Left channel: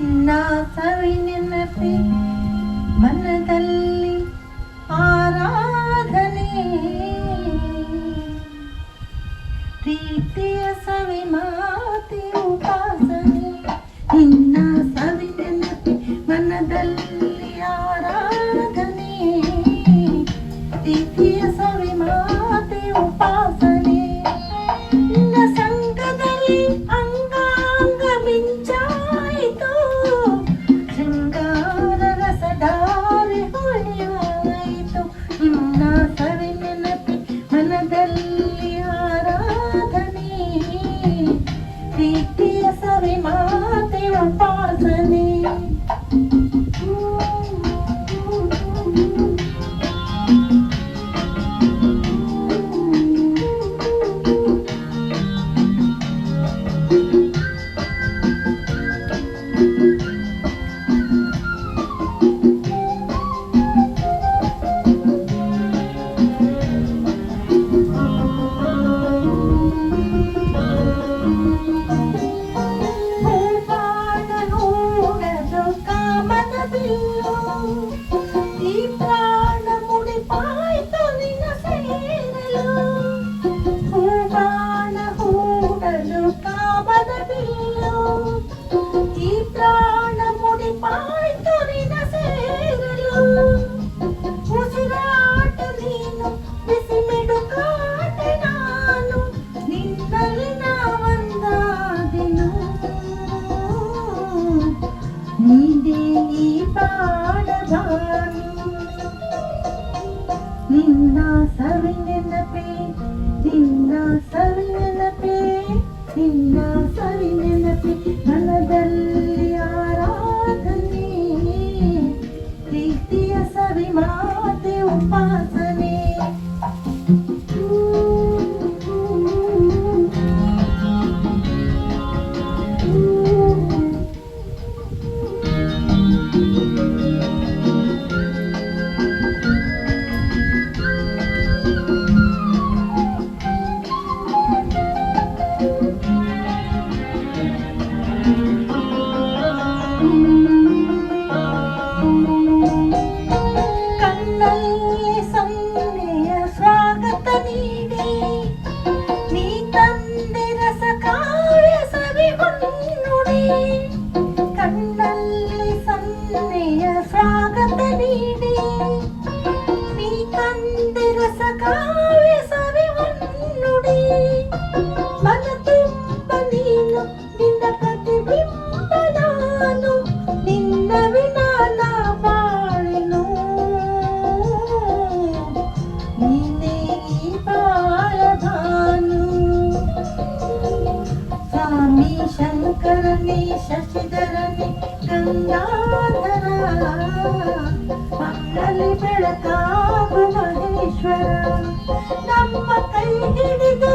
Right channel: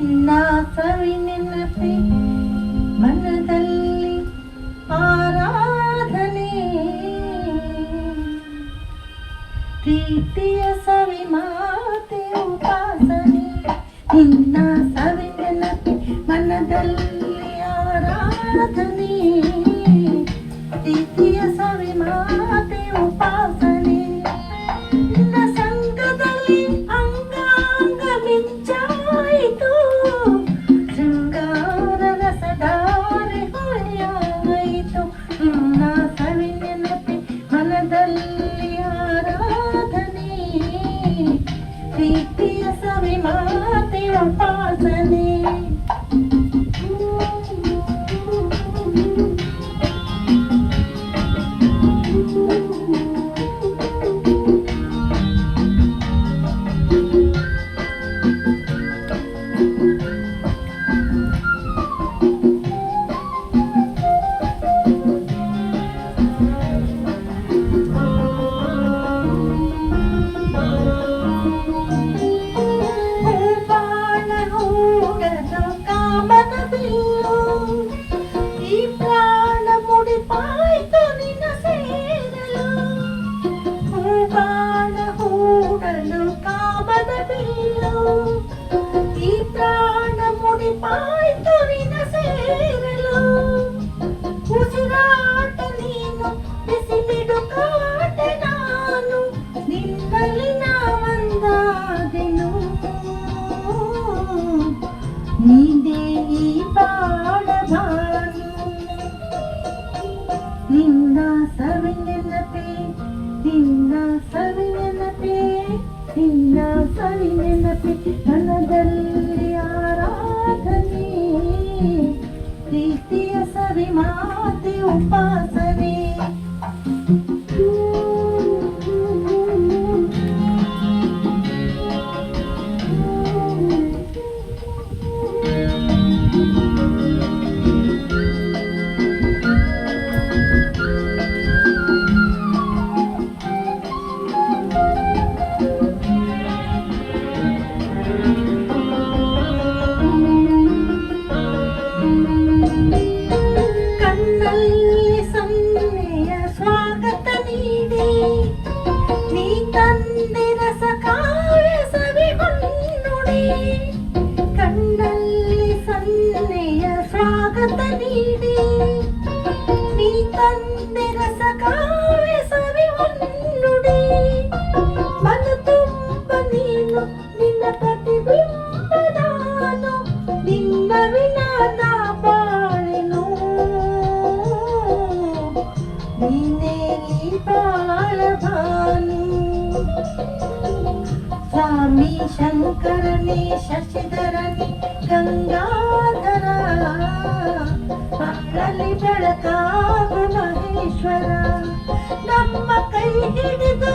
ನಿನ್ನ ಸವಿ ನೆನಪಿ ಮನದಲ್ಲಿ ಆರಾಧನೆ ಪ್ರೀತಿಯ ಸವಿ ಮಾತೆ ಉಪಾಸನೆ ನಿನ್ನ ಸವಿ ನೆನಪಿ ಮನದಲ್ಲಿ ಆರಾಧನೆ ಪ್ರೀತಿಯ ಸವಿ ಮಾತೆ ಉಪಾಸನೆ ನಿನ್ನ ಸಂಘದಲ್ಲಿ ಅಂಗಾಂಗ ಮಿಂಚಾಯಿತು ಶೃಂಗಾರ ರಸಧಾರೆ ಹೊಳೆಯಾಯಿತು ನಿನ್ನ ಸವಿ ನೆನಪಿ ಮನದಲ್ಲಿ ಆರಾಧನೆ ಪ್ರೀತಿಯ ಸವಿ ಮಾತೆ ಉಪಾಸನೆ ಉಸಿರಾಟ ನೀನು ಬಿಸಿಬಿಡು ಕಾಟೆ ನಾನು ನಿನ್ನಲ್ಲಿ ನಾವಂದಾದೆನು ನೀನೇ ಈ ಬಾಳಬಾನು ನಿನ್ನ ಸವಿ ನೆನಪೇ ನಿನ್ನ ಸವಿ ನೆನಪೇ ನಿನ್ನ ಸವಿ ನೆನಪೇ ಮನದಲ್ಲಿ ಆರಾಧನೆ ಪ್ರೀತಿಯ ಸವಿ ಮಾತೆ ಉಪಾಸನೆ ಕಣ್ಣಲ್ಲಿ ಸನ್ನೆಯ ಸ್ವಾಗತ ನೀಡಿ ನೀ ತಂದೆ ರಸ ಕಾವ್ಯ ಸವಿ ಹೊನ್ನುಡಿ ಕಣ್ಣಲ್ಲಿ ಸನ್ನೆಯ ಸ್ವಾಗತ ನೀಡಿ ನೀ ತಂದೆ ರಸ ಕಾವ್ಯ ಸವಿ ಹೊನ್ನುಡಿ ಮನ ತುಂಬ ನೀನು ನಿನ್ನ ಪ್ರತಿಬಿಂಬ ನಾನು ನಿನ್ನ ವಿನಾನ ಬಾಳೆನು ನೀನೇ ಈ ಬಾಳಭಾನು ಸ್ವಾಮಿ ಶಂಕರನೇ ಶಶಿಧರನೇ ಗಂಗಾಧರ ಮಂಗಲಿ ಬೆಳಕಾಗು ಮಹೇಶ್ವರ ನಮ್ಮ ಕೈ ಹಿಡಿದು